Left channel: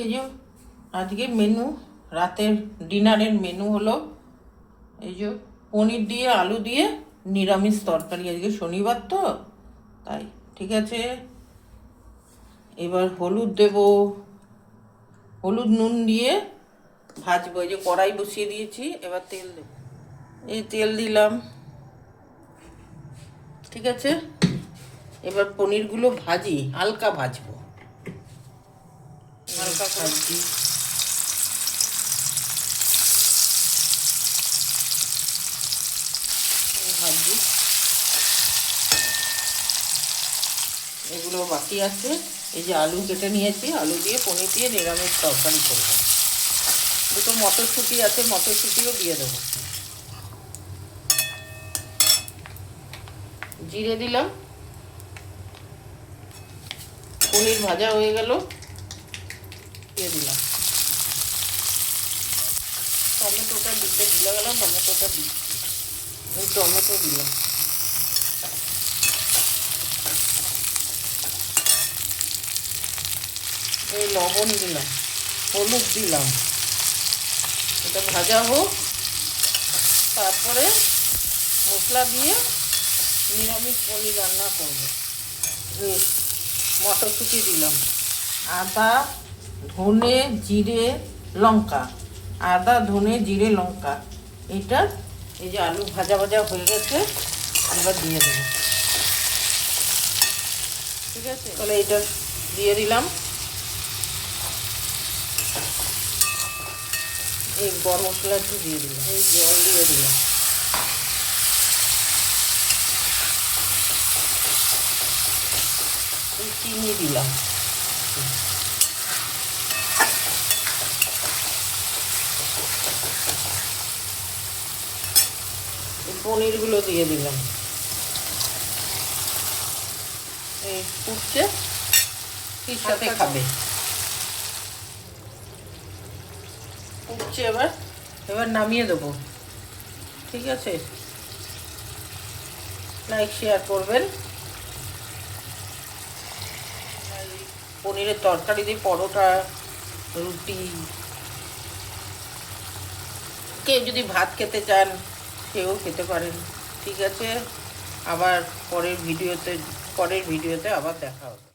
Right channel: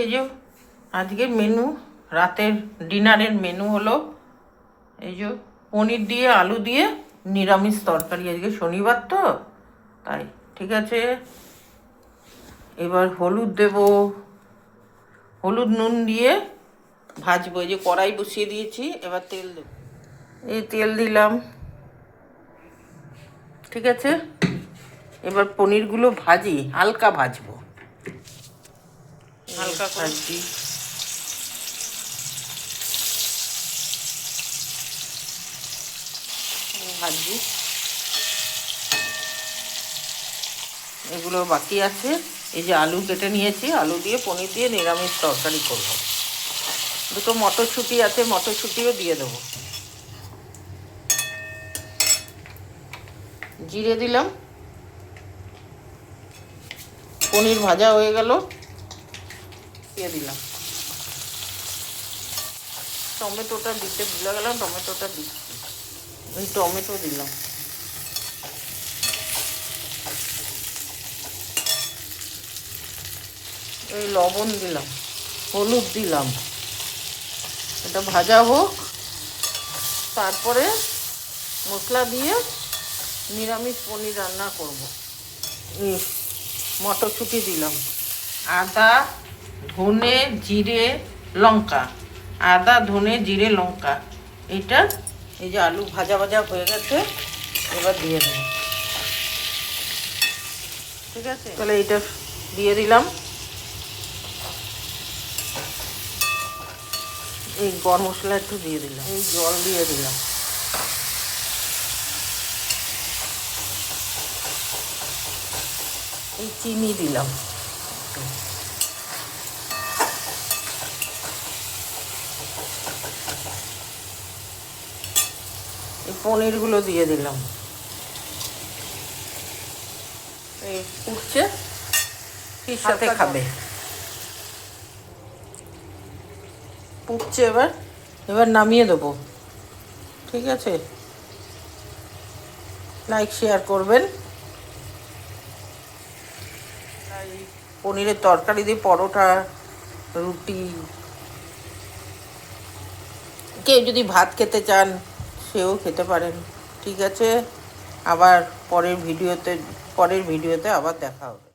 এই যে আজকে মেনু, রাতের ডিনারের মেনু হলো এই যে পনির দিয়ে আলু দিয়ে নিরামিষ তরকারি। আজকে শনিবার তো তাই। ঠিক আছে, এবার হলুদ দেব, হলুদ নুন দিয়ে ভাজবো। এই যে কড়াই বসিয়ে দিয়েছি, এবার তেল দেবো। এই তেল দিলাম, ঠিক আছে। এবার পনিরগুলো ভাজি, হালকা ভাজবো, হালকা ভাজি। ভাজি এগুলো বাকি আছে। এই যে আলু কেটে নিয়েছি, আলু দিয়ে পনির দিয়ে নিরামিষ তরকারি করবো। দুটো মটরশুঁটি আছে, মটরশুঁটিও দিয়ে দেবো। জিরে দিলাম, পনির ভাজা হয়ে গেল, দিয়ে দিলাম। টমেটোটা দিতে ভুলে গেলাম, টমেটোটা দিচ্ছি। টমেটো দিলাম, এই লবণ দিলাম, হলুদ দিলাম। এটা ভাজা হোক, তারপরে মশলা দিয়ে নিরামিষ পনির রান্না করব। মটরশুঁটি দিলাম, আদা ধনে জিরে লঙ্কা, আদা ধনে জিরে লঙ্কা। এটা এই যে আলু ভাজা ভাজা হয়ে গেছে, এবার দিয়ে দেবো। ঠিক আছে, তাহলে এটা দিয়ে দিলাম। এই গরম মশলা একটু দিয়ে দিলাম, এই জল দিয়ে দিলাম, এই চিনি দিলাম, এই পনিরগুলো দিয়ে দিলাম। এই ফুটছে, এর সাথে খাবে। ফুটছে, এবার এবার নামিয়ে দেবো। ঠিক আছে, লাইক শেয়ার করবেন। পনিরের তরকারি দিয়ে পরোটা, রুটি, কেউ যদি ভাত খেতে চান সেও খেতে পারেন। ঠিক আছে, আবার পরের ভিডিওতে আবার দেখা হবে।